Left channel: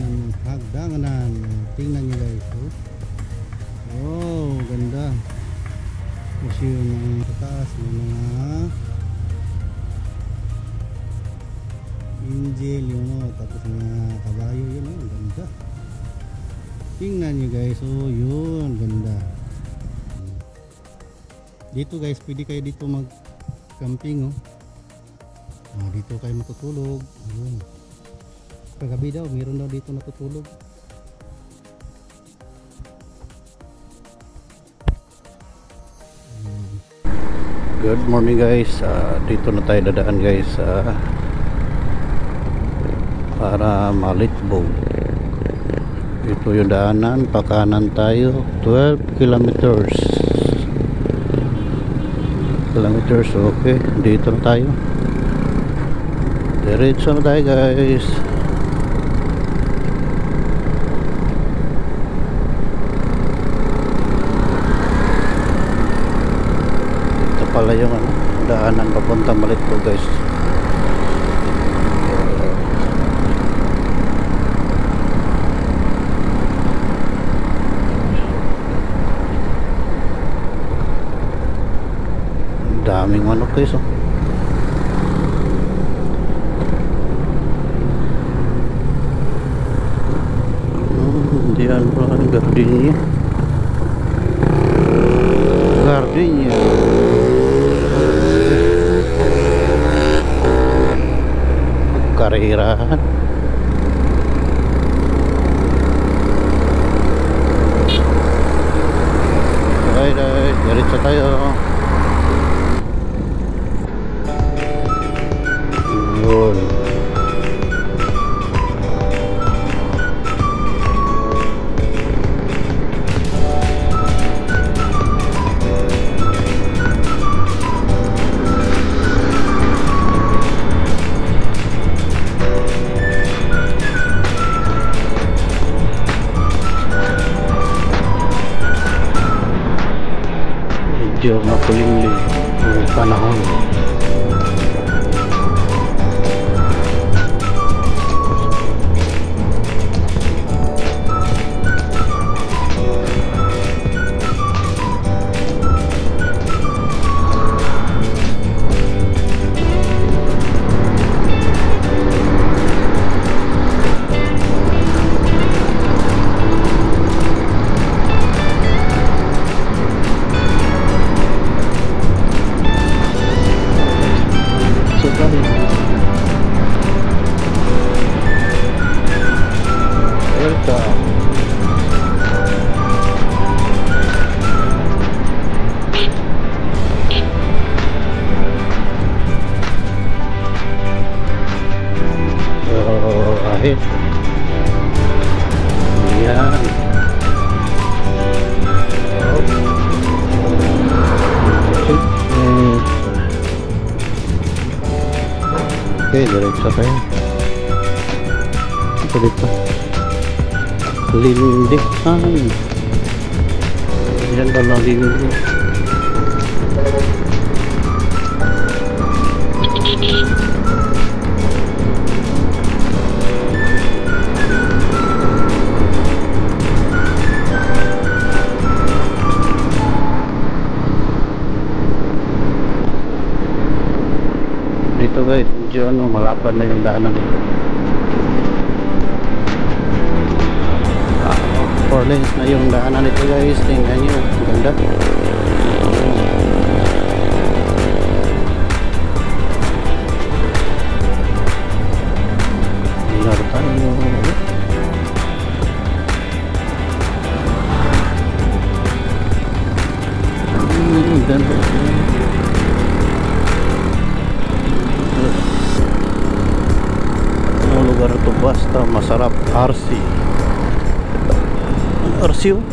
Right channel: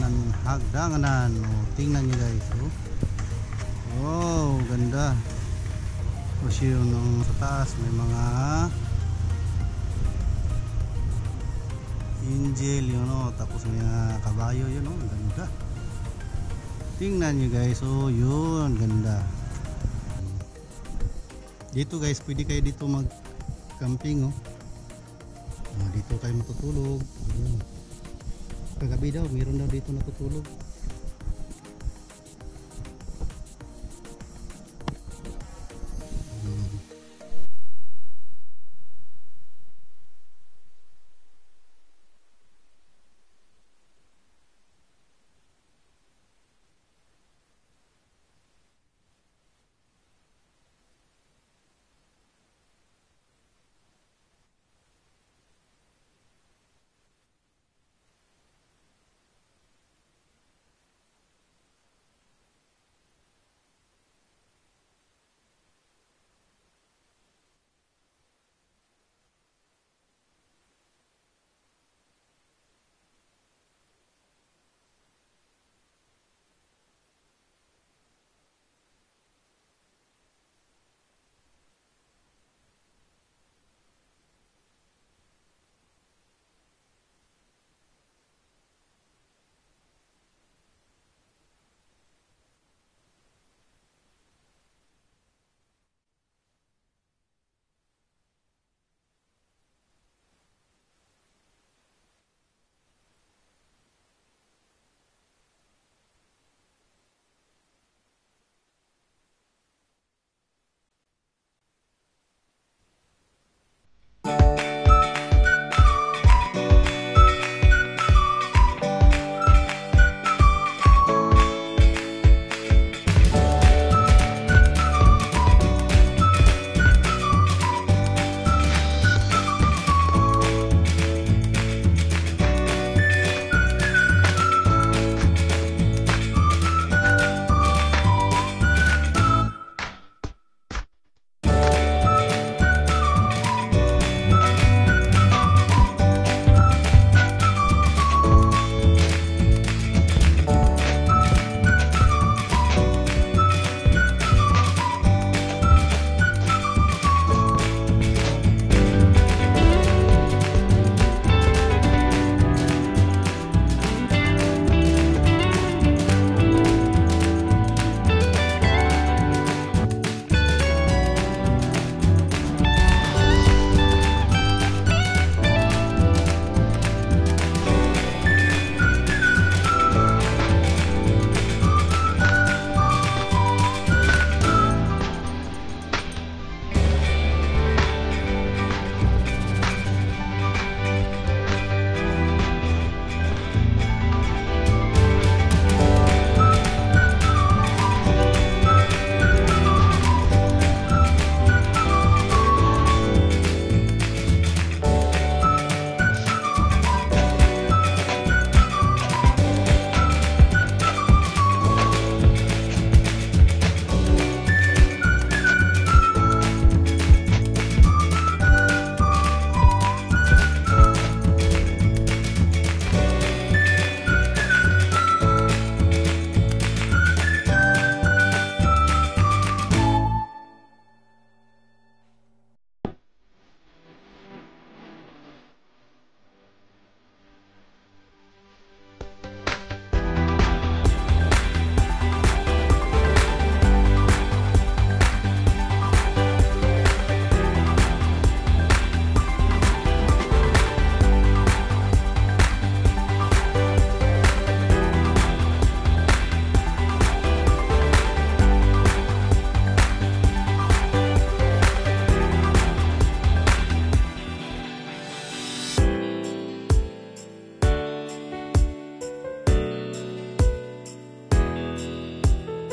daanan hagdanganan. Oh, tingnan nyo guys. Oh. Wow, ganda. Kasi yung sa taas may mga angel yun, oh. Tapos may mga kabayo yun, oh. Ganda. Tingnan nyo guys. Oh, yun, ganda. Dito guys, pwede kayo dito mag camping, oh. Oh, dito kayo matutulog. Yun. Kagabi daw, mayroon daw dito natutulog. Good morning guys. Dito na tayo dadaan guys para Malitbog. Ito yung daanan, pakanan tayo 12 kilometers. Okay, dito na tayo. Diretso na tayo guys. Ito pala yung daanan papunta Malitbog guys. Daming manok guys, oh. Diyan po ang gardenia. Karirahan. Bye, diretso tayo. Medyo makulimlim yung panahon. Okay, diretso tayo. Ito dito. Lindikan. Yan pala lindikan. Dito guys, medyo malapad na yung daanan dito. Four lanes na yung daanan nito guys. Tingnan nyo, ganda. Basta masarap. RC oh.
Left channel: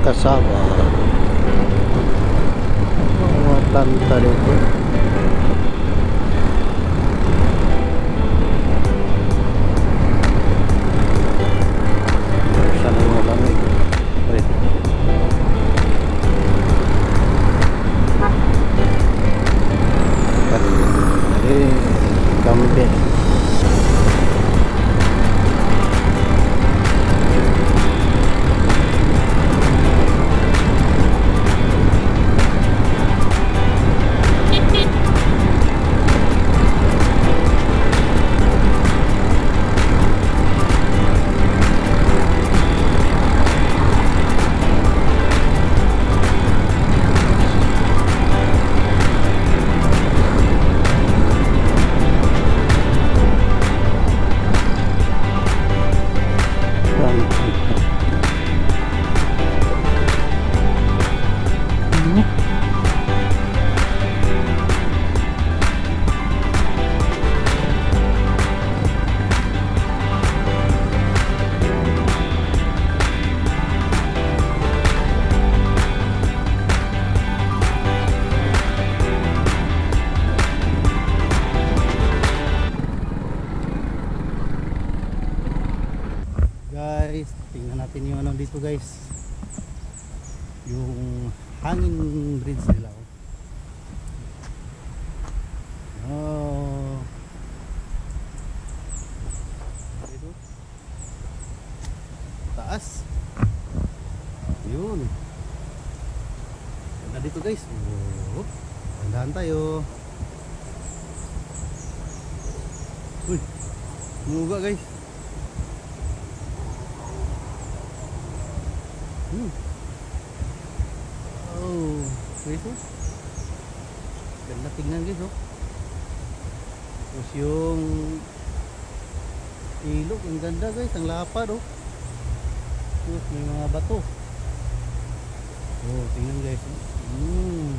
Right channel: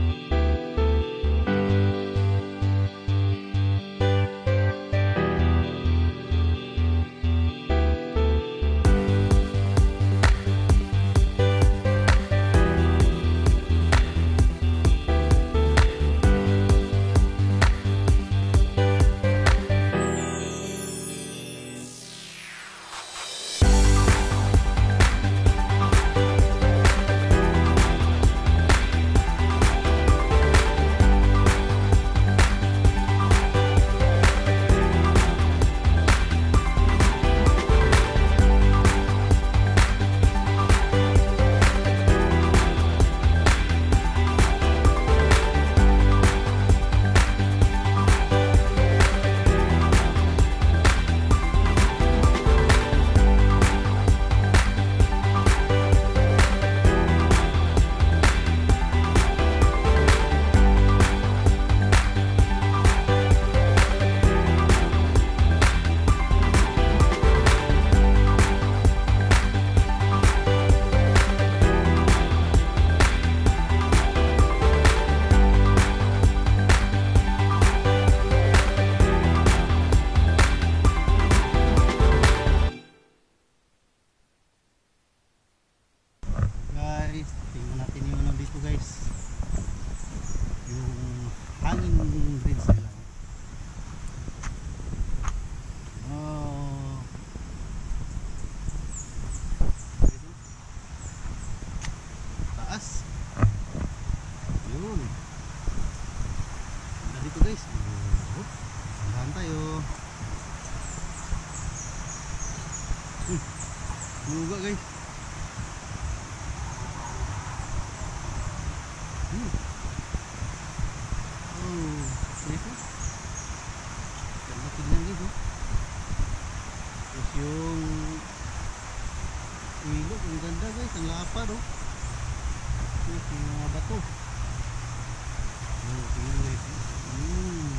Kasama tanta dito. Guys, tingnan natin yung ano dito guys, yung hangin bridge nila. Oh, dito taas yun na dito guys. Oh, tandaan tayo. Muga guys. Oh, guys oh. Ganda tingnan guys oh. Terus yung ilog, ang ganda guys, ang lapad oh. Terus yung mga bato. Oh, tingnan guys. Yun.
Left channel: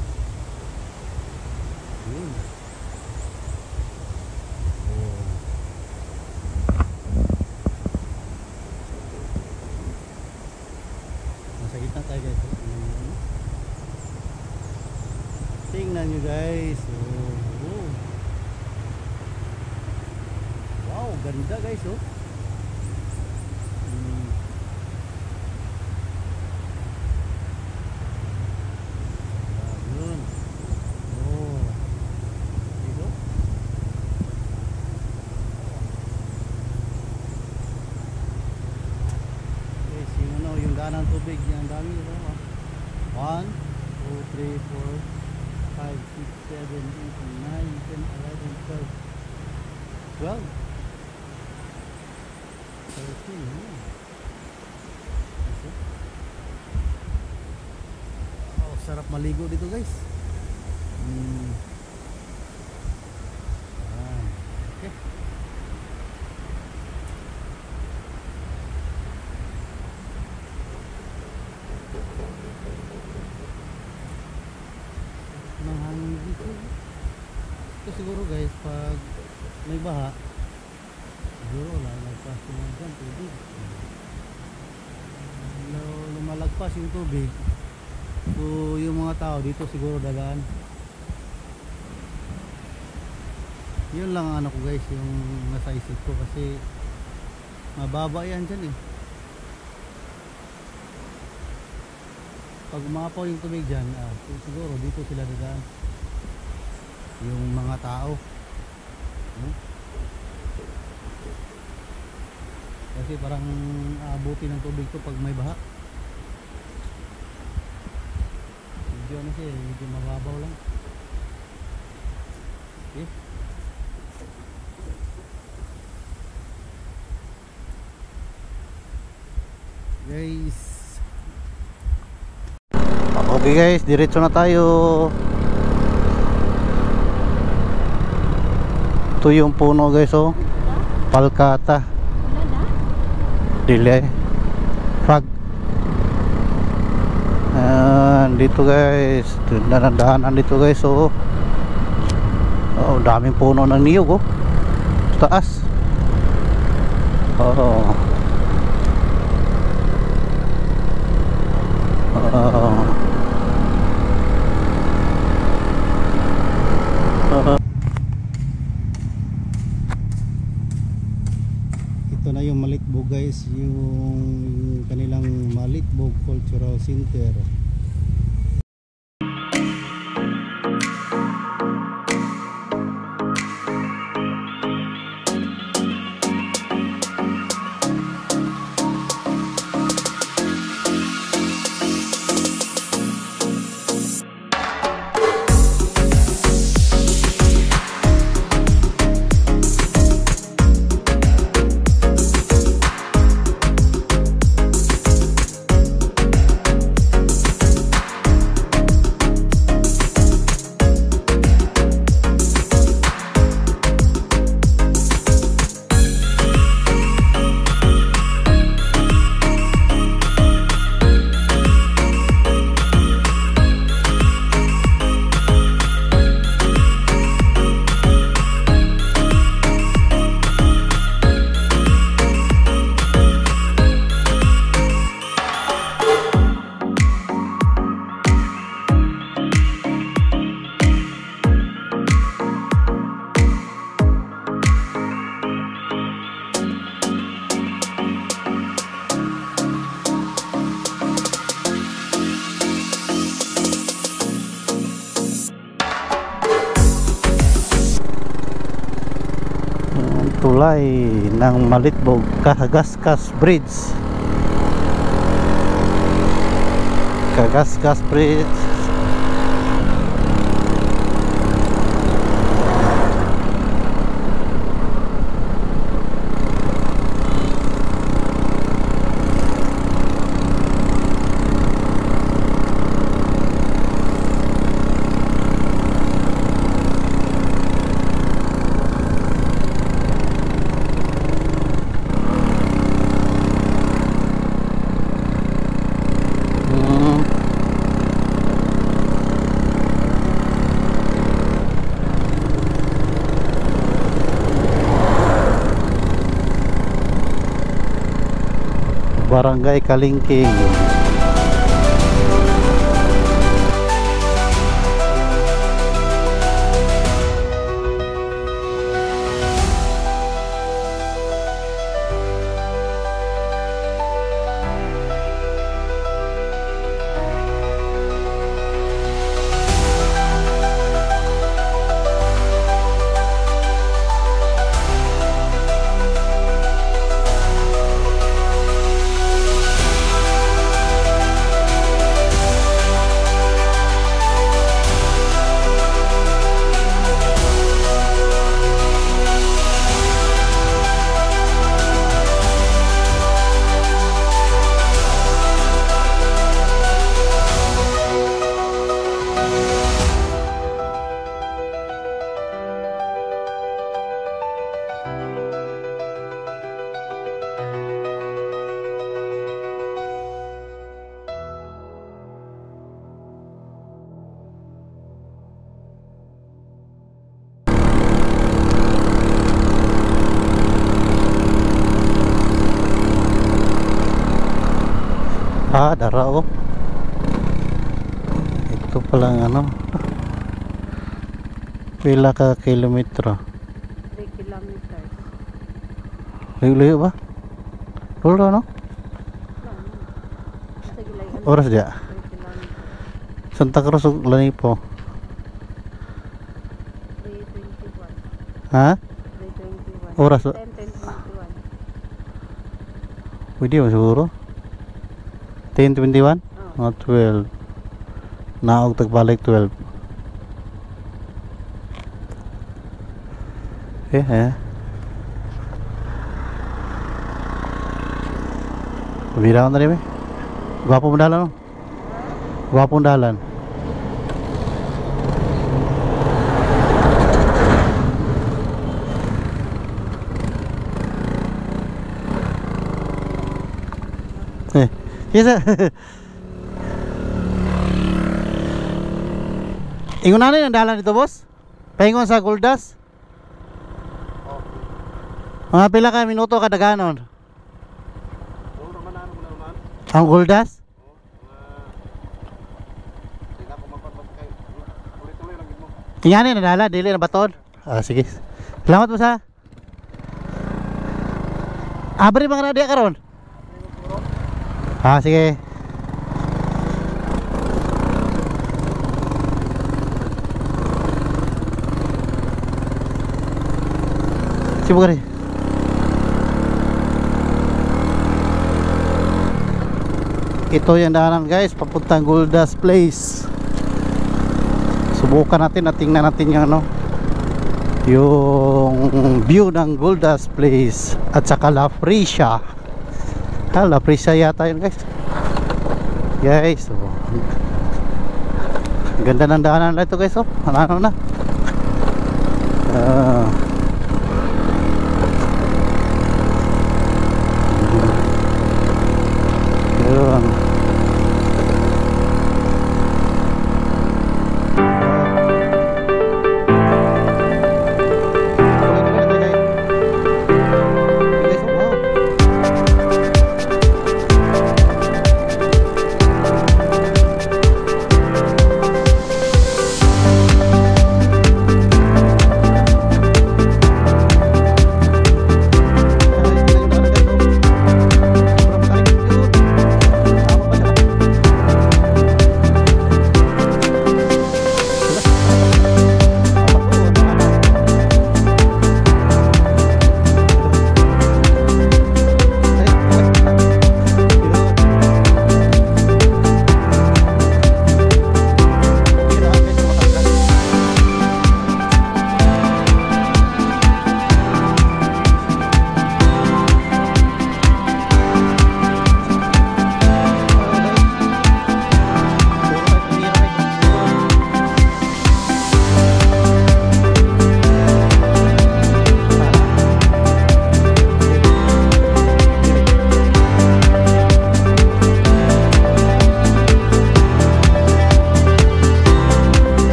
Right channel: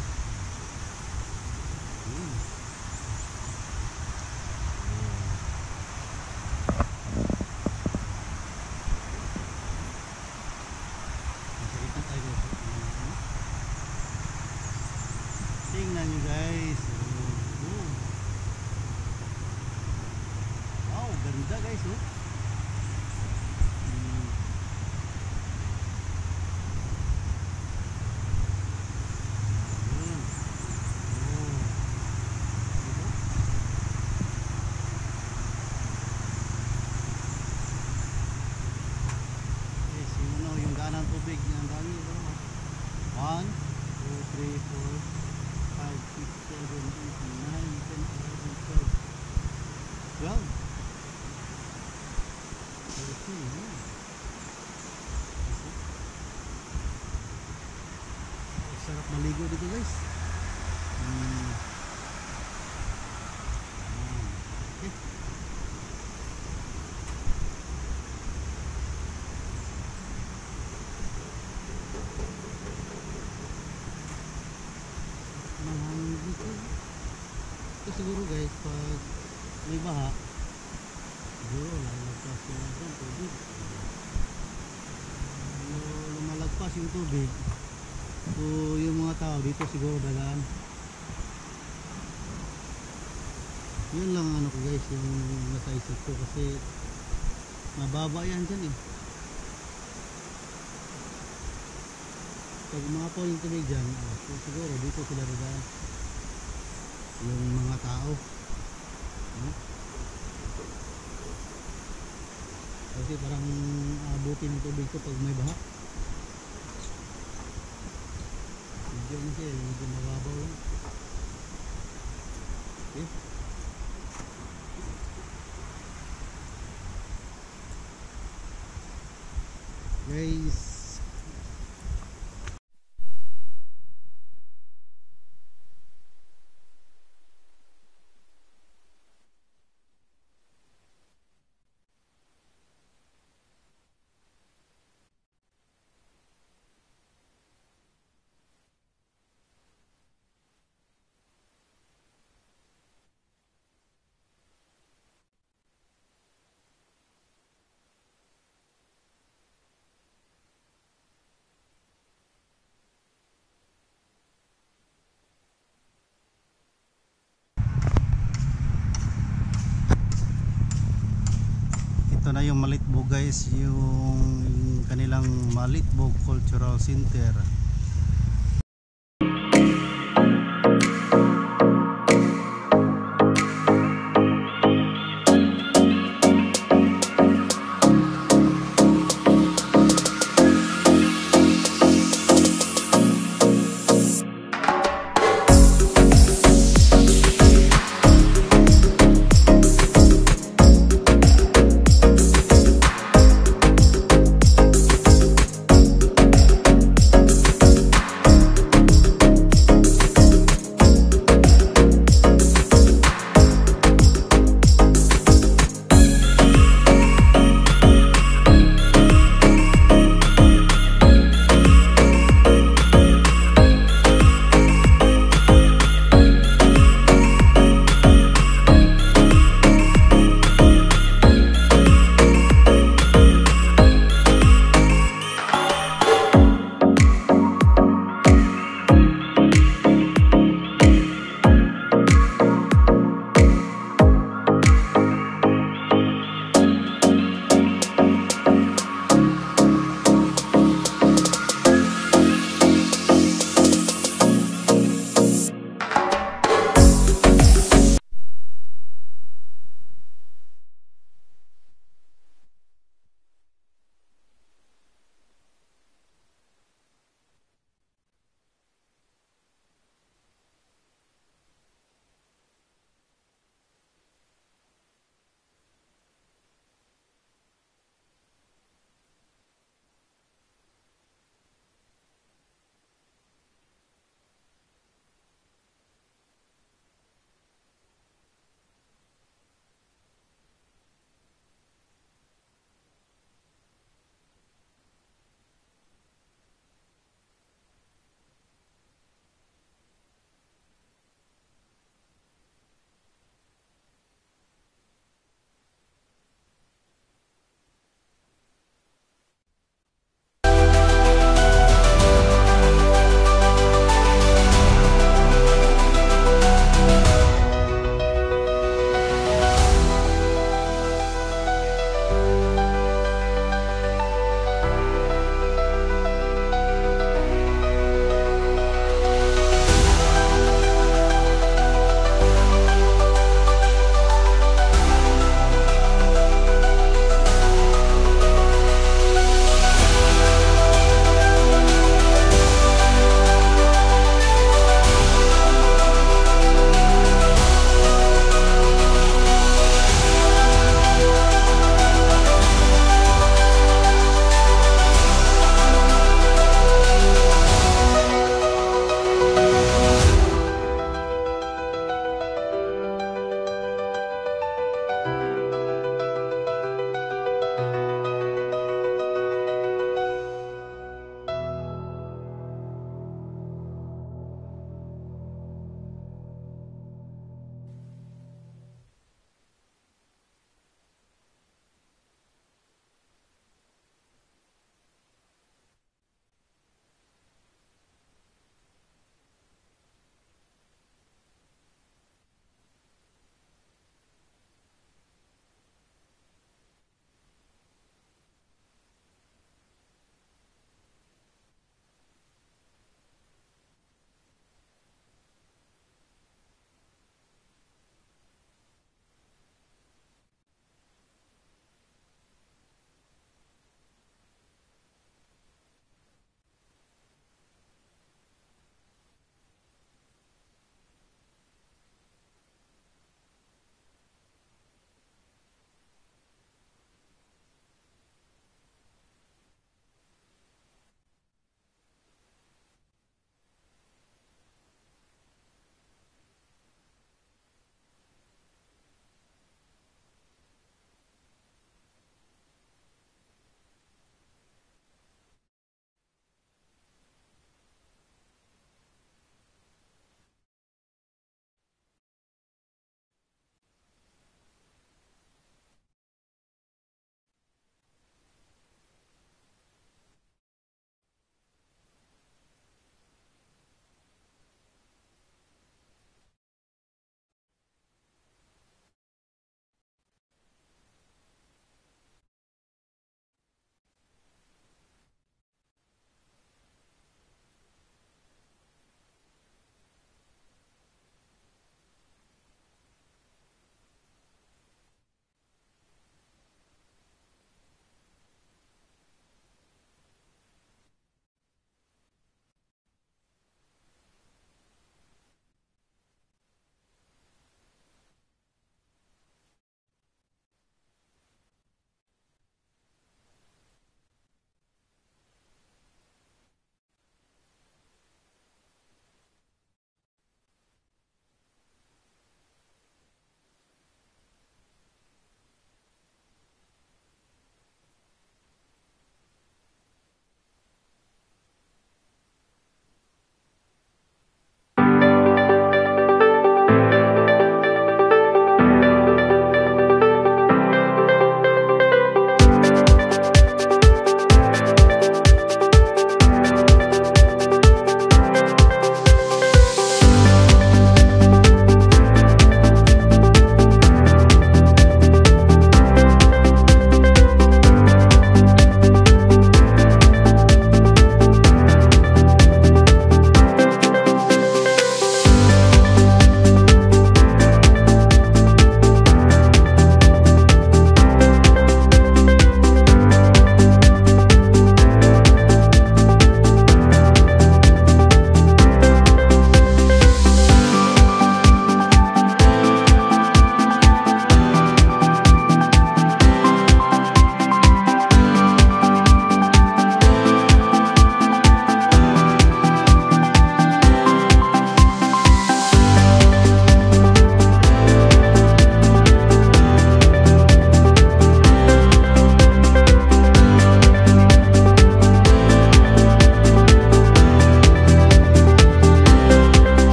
Oh. Nasa gitna tayo guys. Tingnan nyo guys. Oh. Wow, ganda guys oh. Yun. Oh. Dito. Guys, yung daan ng tubig, ang dami ito. 1, 2, 3, 4 5, 6, 7, 8, 9, 10, 11, 12 12. Oh, sarap maligo dito guys. Okay. Mahangin dito. Ito siguro guys, pag may baha, siguro lalagpas yung tubig. Lumalagpas yung tubig, so yung mga tao dito siguro dagaan. Yun lang ano ko guys, yung nasa isip ko, kasi mababa yan dyan eh. Pag umapaw yung tubig dyan, siguro dito sila dadaan yung mga tao, no? Kasi parang abutin ng tubig ko pag may baha. Medyo ano siya, medyo mababaw lang. Okay. Guys, okay guys, diretso na tayo. Ito yung puno guys oh, palkata dile fag. Dito guys, daanan dito guys oh. Oh, daming puno ng niyog oh, taas. Oh. Ito na yung Malitbog guys, yung kanilang Malitbog Cultural Center. tulay ng Malitbog Kagaskas Bridge. Kagaskas Bridge. Barangay Kalingking. Dara oh. Ito palang ano. Pila ka kilometro? 3 kilometers. Layo ba? Tulo no? Oras dia. 3 kilometers. Santa Cruz ug Lanipo. 3:21. Ha? 3:21. Oras. 10:21. Pwede mo siguro? 10:21? Oh. 12. Naog tagbalik 12. Pabira ko na rin eh. Gwapo mo dalan no? Gwapo mo dalan. Yes, ingon na ang dalan dito, boss? Paingon sa Goldas? Mga pila ka minuto kada ganon? Ang Goldas? Tingani na dala, dili na baton. Sige. Salamat po sa. Abri mga radia karon. Sige. Sibuk rin. Ito yung daanan guys, papuntang Goldas Place. Subukan natin at tingnan natin yung ano, yung view ng Goldas Place at saka La Fresia. La Fresia yata yun guys. Guys, oh. Ganda ng daanan na ito guys, oh. Ano na. Yun.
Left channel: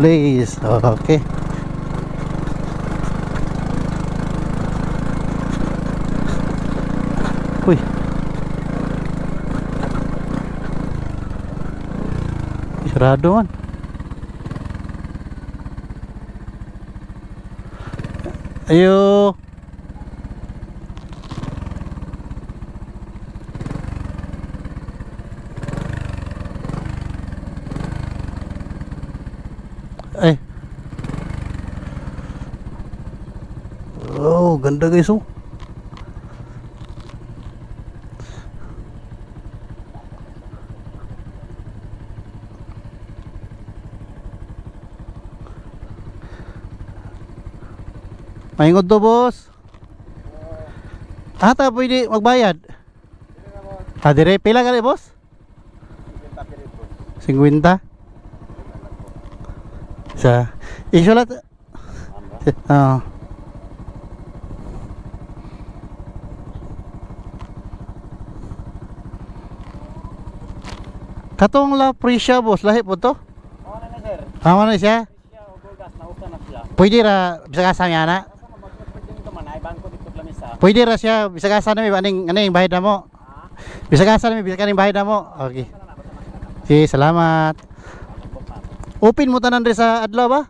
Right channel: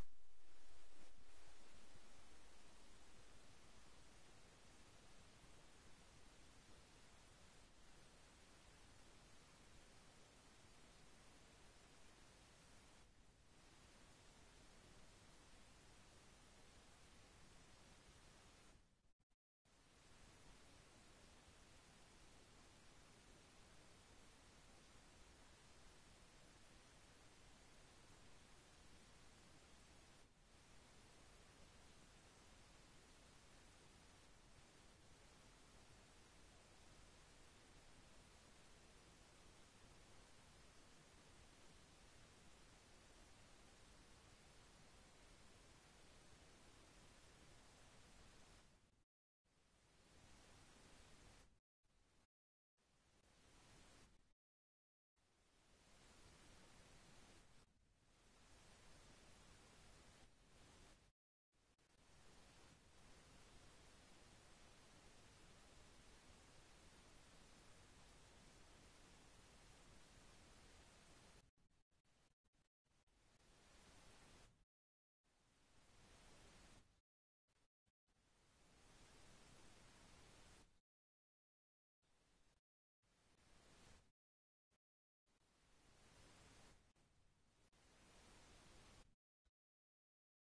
Place. Okay. Uy. Sarado man. Ayo. Eh. Oh, ganda guys oh. Mahingod to boss. Ata pwede magbayad. Dire pila ka boss? 50. Sa isulat. Ah. Katong la presya boss lahi po to? Oo na sir. Amo na siya. Siya o bugas na usa na siya. Pwede ra bisa ka na. Kasama magpapwede nito man ay bangko dito lamisa. Pwede ra siya bisa ka na mi aning bayad na mo. Bisa ka na mi bisa kaning bayad na mo. Okay. Sige, salamat. Open mo tanan diri sa adlaw ba?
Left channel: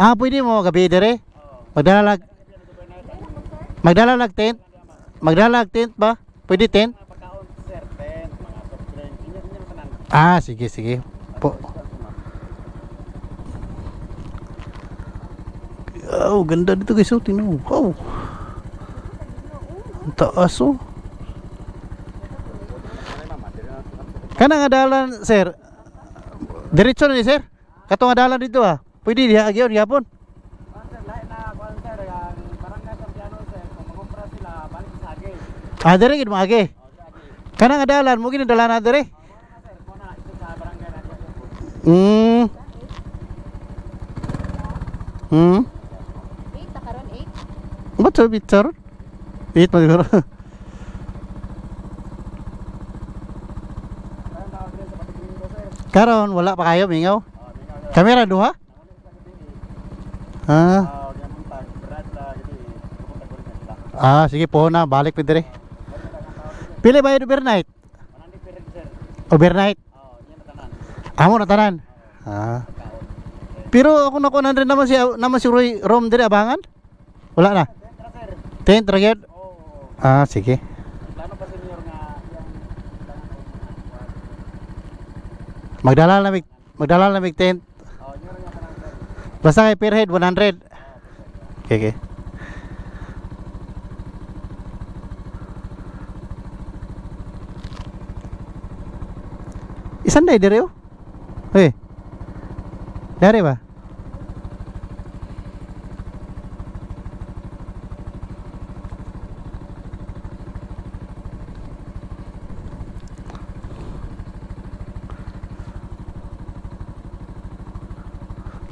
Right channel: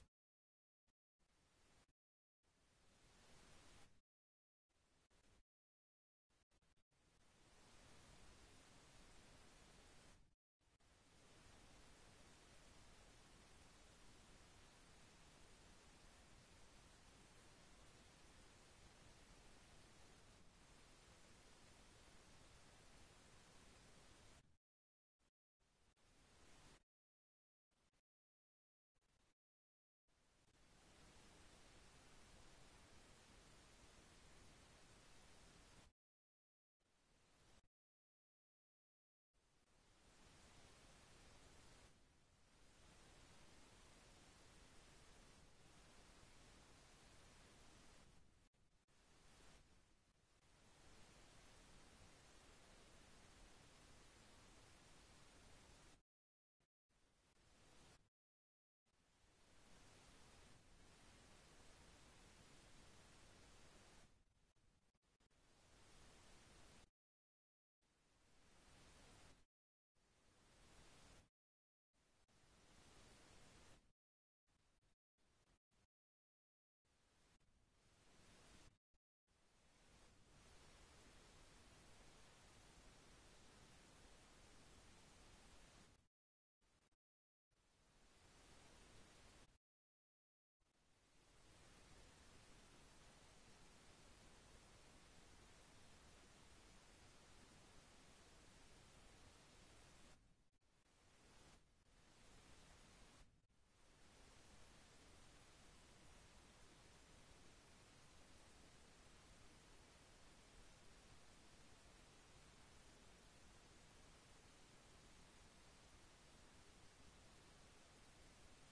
Ah, pwede mo gabi dire. Magdala lag tent. Magdala lag tent ba? Pwede tent? Pagkaon sir, tent, mga soft drink, inyo tanan. Ah, sige sige. Po. Oh, ganda dito guys. Oh, tingnan mo. Wow. Ang taas oh. Kana nga dalan, sir. Diretso na ni sir. Kato nga dalan dito ah. Pwede diha agyon gyapon. Sir, lahi na kuan sir, ang barangay Santiano sir, kung magumpra sila balik sa agi. Ah, dire gid mo agi. Kana nga dalan mo gid dalan na dire. Sir, muna ito sa barangay na dito. Hmm. Hmm. 8 takaron 8. Ba't sa picture? Eat mo siguro. Kaya na dire sa patigling ko sir. Karon wala pa kayo mingaw. Kamera duha? Ah. Ganun tag, brad la gidi. Pupunta ko rin na sila. Ah, sige po na balik pa dire. Pili ba yun overnight? Manandi pirig sir. Overnight? Yan na tanan. Amo na tanan. Ah. Pero ako nakuha rin naman si Roy Rom dire abangan? Wala na. Tara sir. Tent ragyad? Oo. Ah, sige. Plano pa senior nga yang Magdala na mig tent. nyo rin nga tanan sir. Basta kay per head 100. Okay, okay. Isan day dire oh. Eh. Dari ba?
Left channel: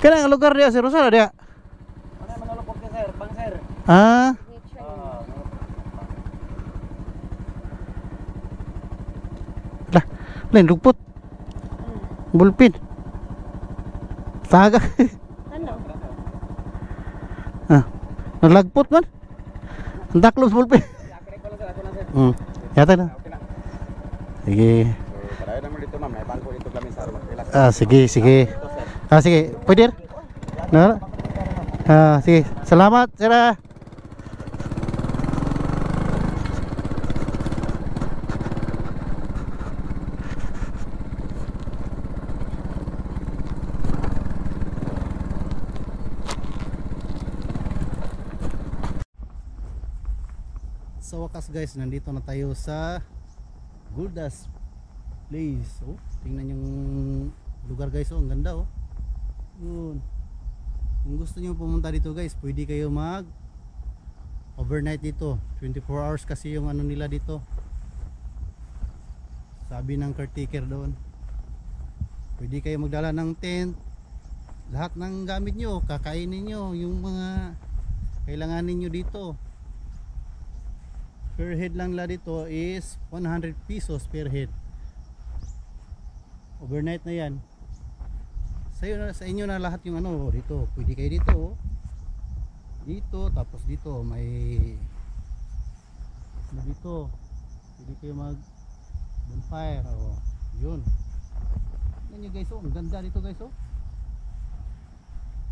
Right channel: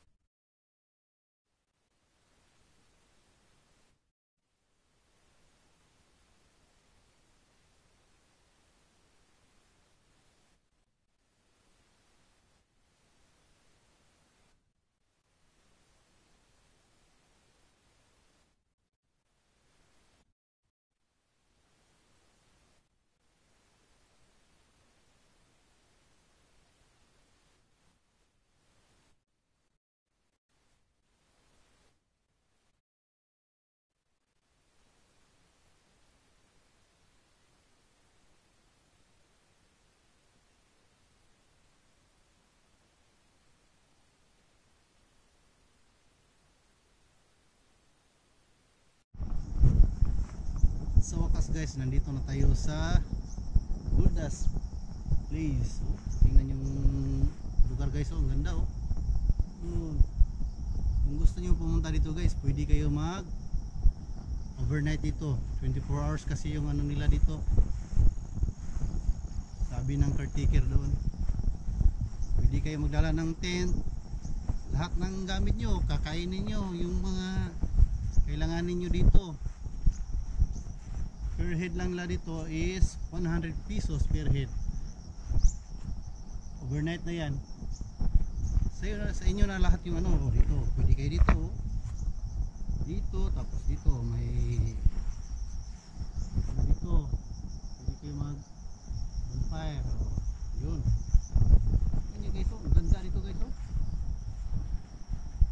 Kana ang lugar dia, Sir Rosal dia. Ano yung manulupot ka sir? Bang sir? Ah, lah, lain luput. Bulpin. Taga. Ano? Ah, naglagpot man. Ang daklos bulpin. Ako lang sir, ako lang sir. Yata na. Okay na. Sige. So, parayo naman dito ma'am, may bangko dito kami sa mag-relax. Ah, sige, sige. Ah, sige. Pwede? No? Ah, sige. Salamat, sir. Ah. Sa wakas guys, nandito na tayo sa Guldas Place. Oh, tingnan yung lugar guys, oh, ang ganda oh. Yun. Kung gusto niyo pumunta dito guys, pwede kayo mag overnight dito. 24 hours kasi yung ano nila dito. Sabi ng caretaker doon. Pwede kayo magdala ng tent. Lahat ng gamit nyo, kakainin nyo, yung mga kailanganin nyo dito. Per head lang nila dito is 100 pesos per head. Overnight na yan. sa inyo na lahat yung ano. Oh, dito pwede kayo dito, oh. Dito tapos dito may ano dito, pwede kayo mag bonfire, oh. Yun. Yan nyo guys, oh. Ang ganda dito guys, oh.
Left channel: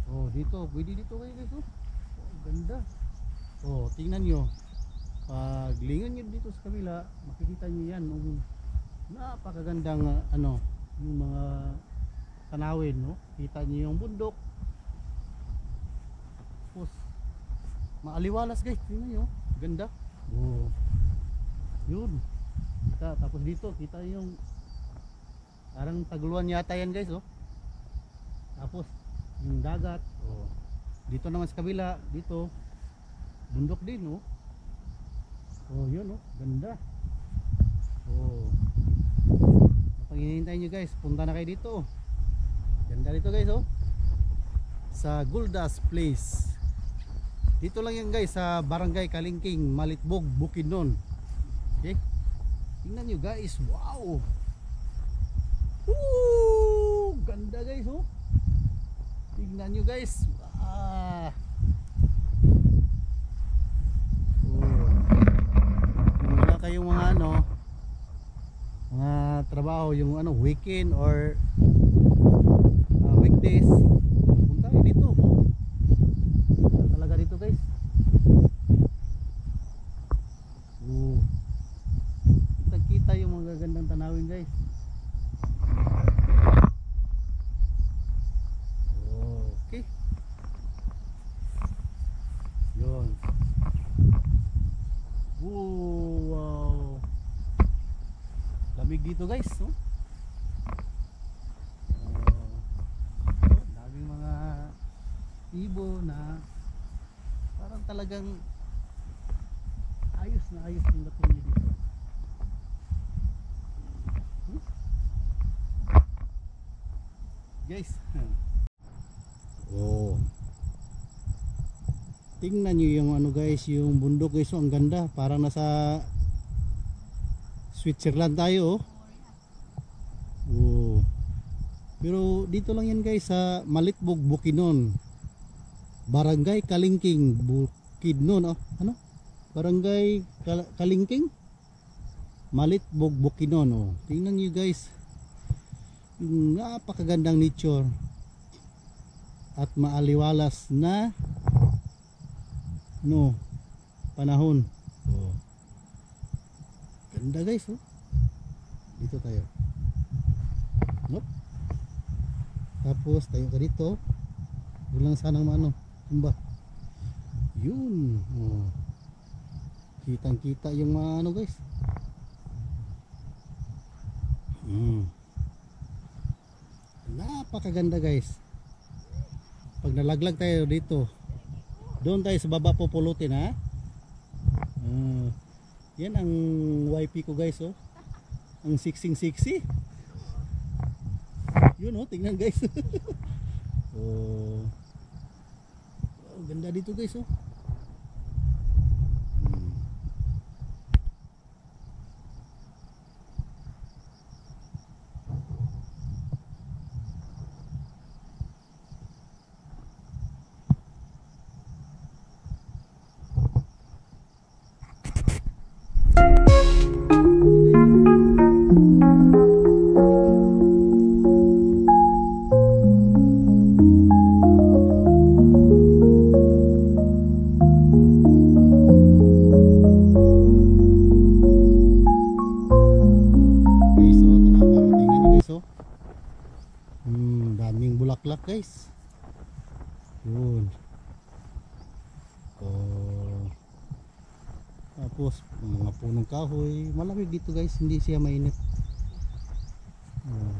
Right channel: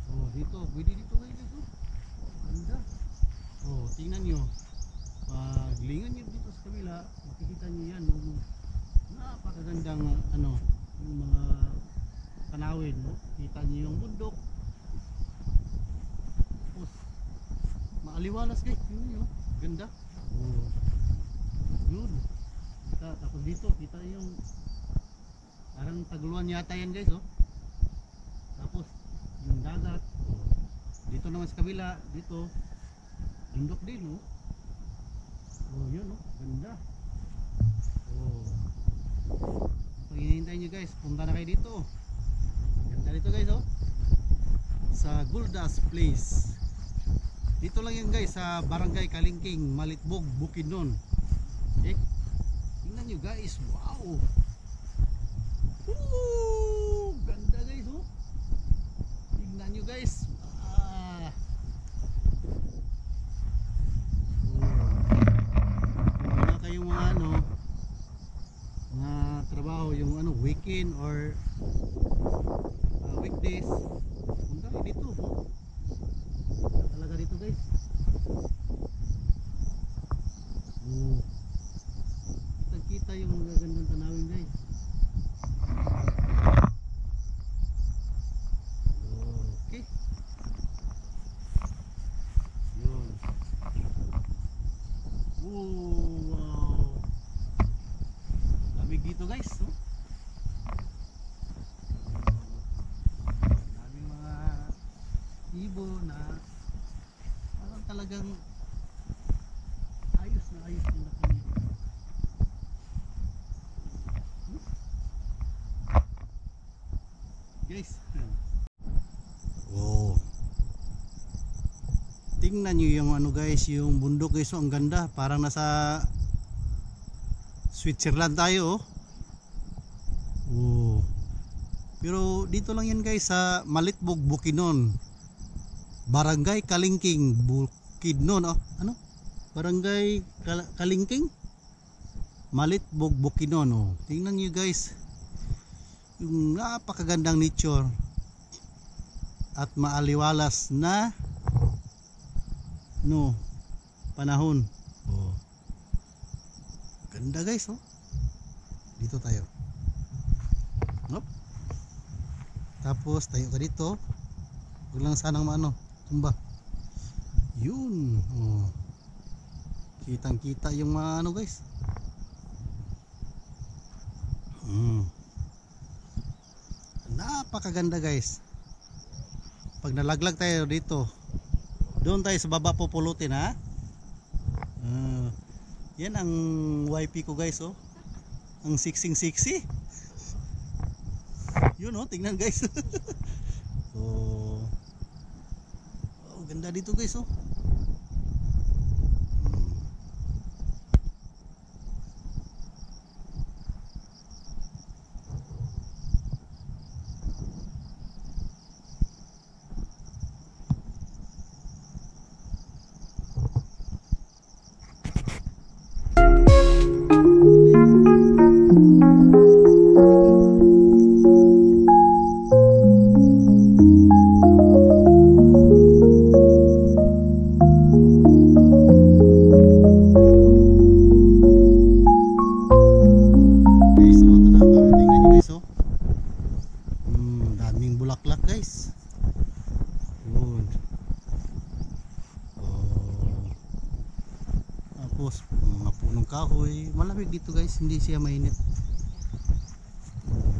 Oh, dito pwede dito kayo guys, oh. Oh, ganda. Oh, tingnan nyo. Pag lingon nyo dito sa kabila, makikita nyo yan yung napakagandang ano, yung mga tanawin, no? Kita nyo yung bundok. Tapos maaliwalas guys, tingnan nyo, ganda. Oh, yun. Kita, tapos dito kita yung parang taguluan yata yan guys, oh. Tapos yung dagat, oh. Dito naman sa kabila, dito bundok din, oh. Oh, yun, oh, ganda. Oh, pag hinihintay nyo guys, punta na kayo dito. Ganda dito guys, oh, sa Guldas Place. Dito lang yan guys, sa Barangay Kalingking, Malitbog, Bukidnon. Okay, tingnan nyo guys, wow. Woo, ganda guys, oh. Tingnan nyo guys. Ah. Oh, kung wala kayong mga ano, mga trabaho, yung ano, weekend or weekdays, punta kayo dito, oh. Ganda talaga dito guys. Oh, kita kita yung mga gandang tanawin guys. Okay, yun. Wow, lamig dito guys, no? Daming mga ibo na parang talagang ayos na ayos yung dating nyo dito. Guys, oh, tingnan nyo yung ano guys, yung bundok guys, oh, ang ganda, parang nasa Switzerland tayo, oh. Oh, pero dito lang yan guys, sa Malitbog, Bukidnon, Barangay Kalingking, Bukidnon, oh. Ano? Barangay Kalingking, Malitbog, Bukidnon, oh. Tingnan nyo guys yung napakagandang nature at maaliwalas na no panahon. Oh, ganda guys, oh. Dito tayo, nope. Tapos tayo ka dito, huwag lang sanang maano tumba. Yun, oh, kitang kita yung mga ano guys. Napakaganda guys. Pag nalaglag tayo dito, doon tayo sa baba pupulutin, ha. Yan ang YP ko guys, oh. Ang siksing siksi. Yun, oh, tingnan guys. Oh, oh, ganda dito guys, oh. Daming bulaklak guys. Yun. Oh. Tapos mga punong kahoy, malamig dito guys, hindi siya mainit. Oh.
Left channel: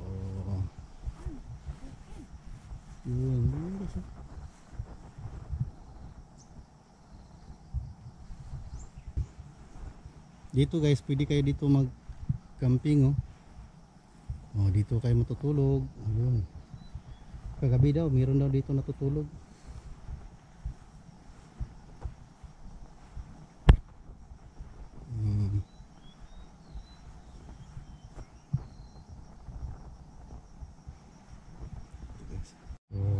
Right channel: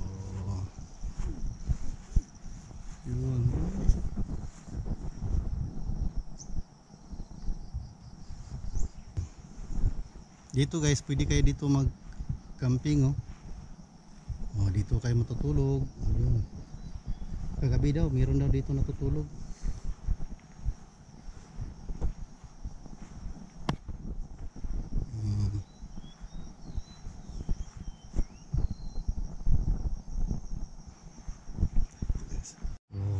Oh. Yun. Dito guys, pwede kayo dito mag camping, oh. Oh, dito kayo matutulog. Yun. Kagabi daw, meron daw dito natutulog.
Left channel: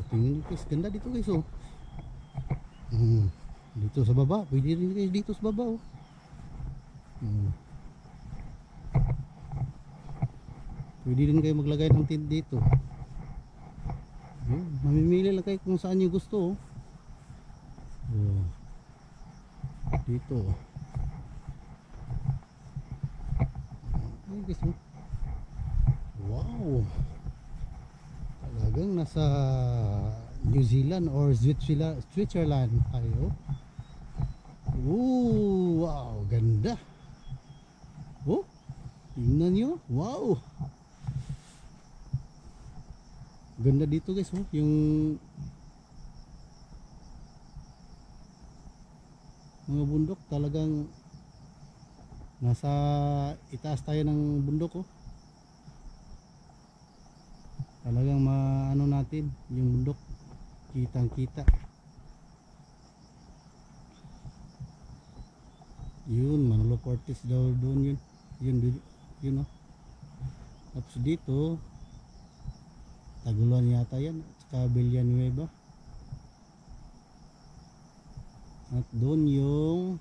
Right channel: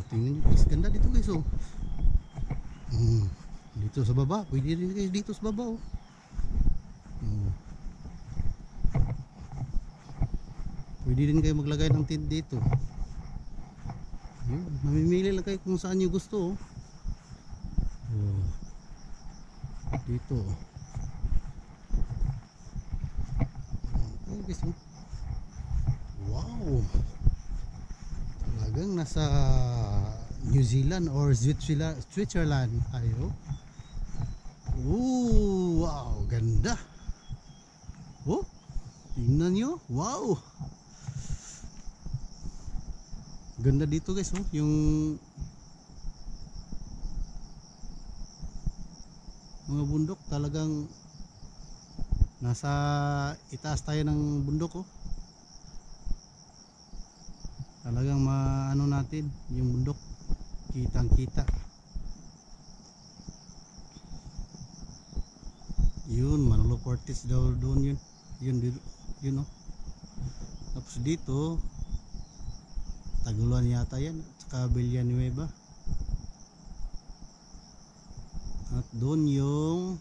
tingnan nyo guys, ganda dito guys oh. Dito sa baba, pwede rin guys dito sa baba oh. Pwede din kayo maglagay ng tent dito. Yun, mamimili lang kayo kung saan nyo gusto oh. Dito guys oh. Wow, talagang nasa New Zealand or Switzerland tayo. Wow, ganda. Tingnan nyo. Wow, ganda dito guys oh. Yung mga bundok talagang nasa itaas tayo ng bundok oh. Talagang maano natin yung bundok, kitang kita. Yun, Manolo Fortes daw doon yun oh. Tapos dito Taguluan yata yan at saka Villanueva. At doon yung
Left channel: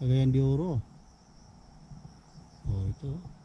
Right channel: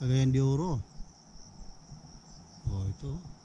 Cagayan de Oro. Ito.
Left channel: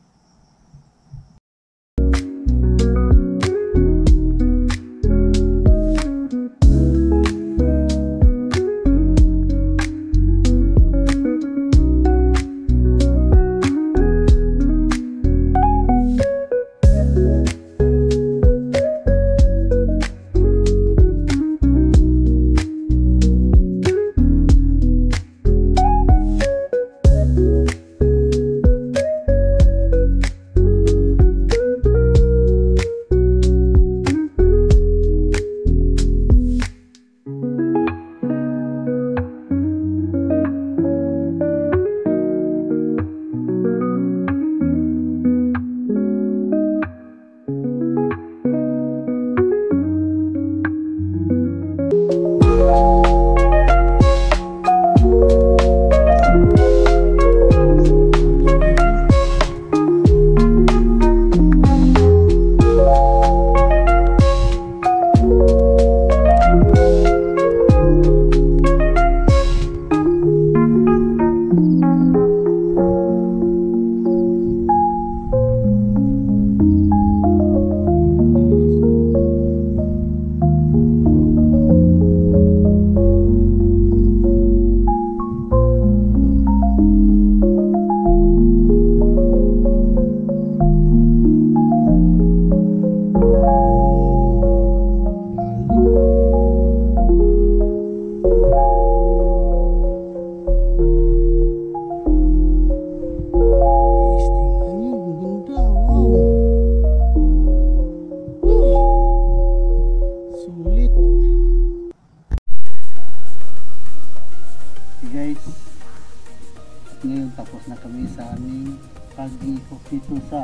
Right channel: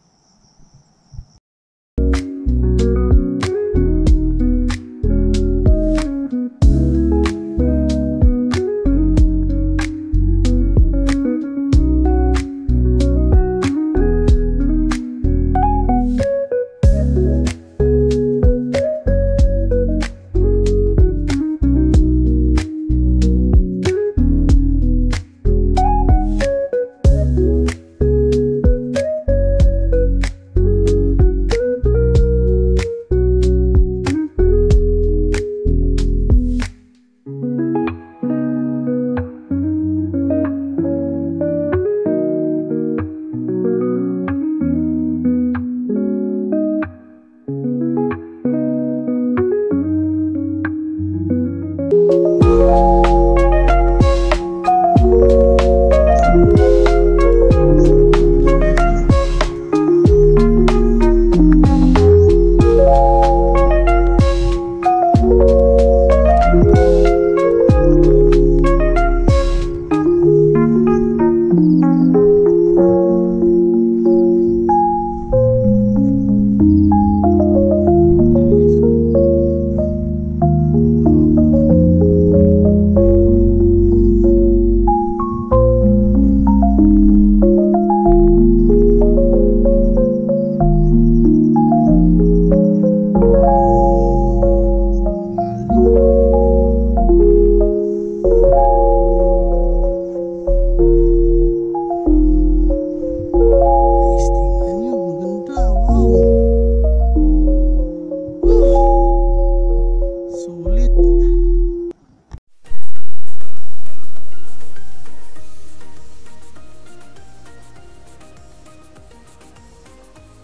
Ngayon tapos na kami sa aming pag-ikot dito sa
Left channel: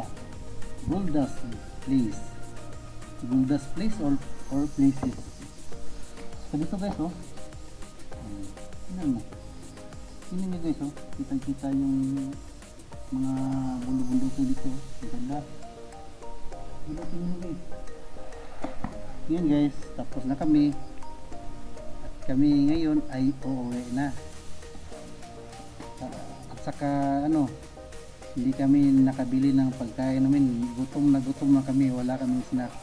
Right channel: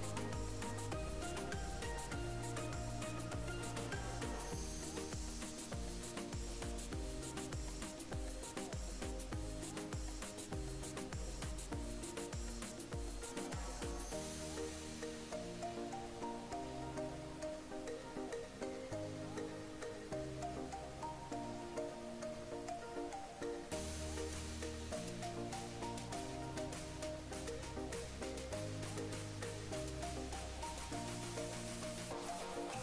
Gold Dust Place. Gold Dust Place or places. So dito guys oh. Tingnan mo guys oh. Kita yung mga bundok-bundok dito. Ang ganda. Tingnan mo guys. Ngayon guys, tapos na kami. At kami ngayon ay uuwi na. Saka hindi kami nakabili ng pagkain namin, gutom na kami, wala kaming snack.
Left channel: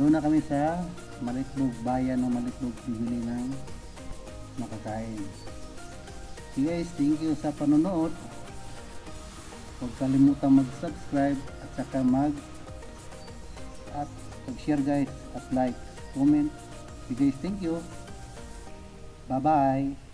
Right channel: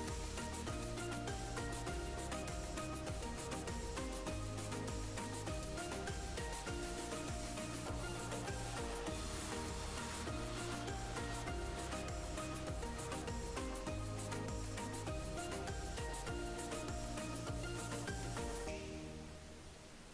Doon na kami sa Malitlog, bayan ng Malitlog, bili ng makakain. So guys, thank you sa panonood. Huwag kalimutan mag-subscribe at saka mag-share guys, at like, comment. So guys, thank you. Bye bye.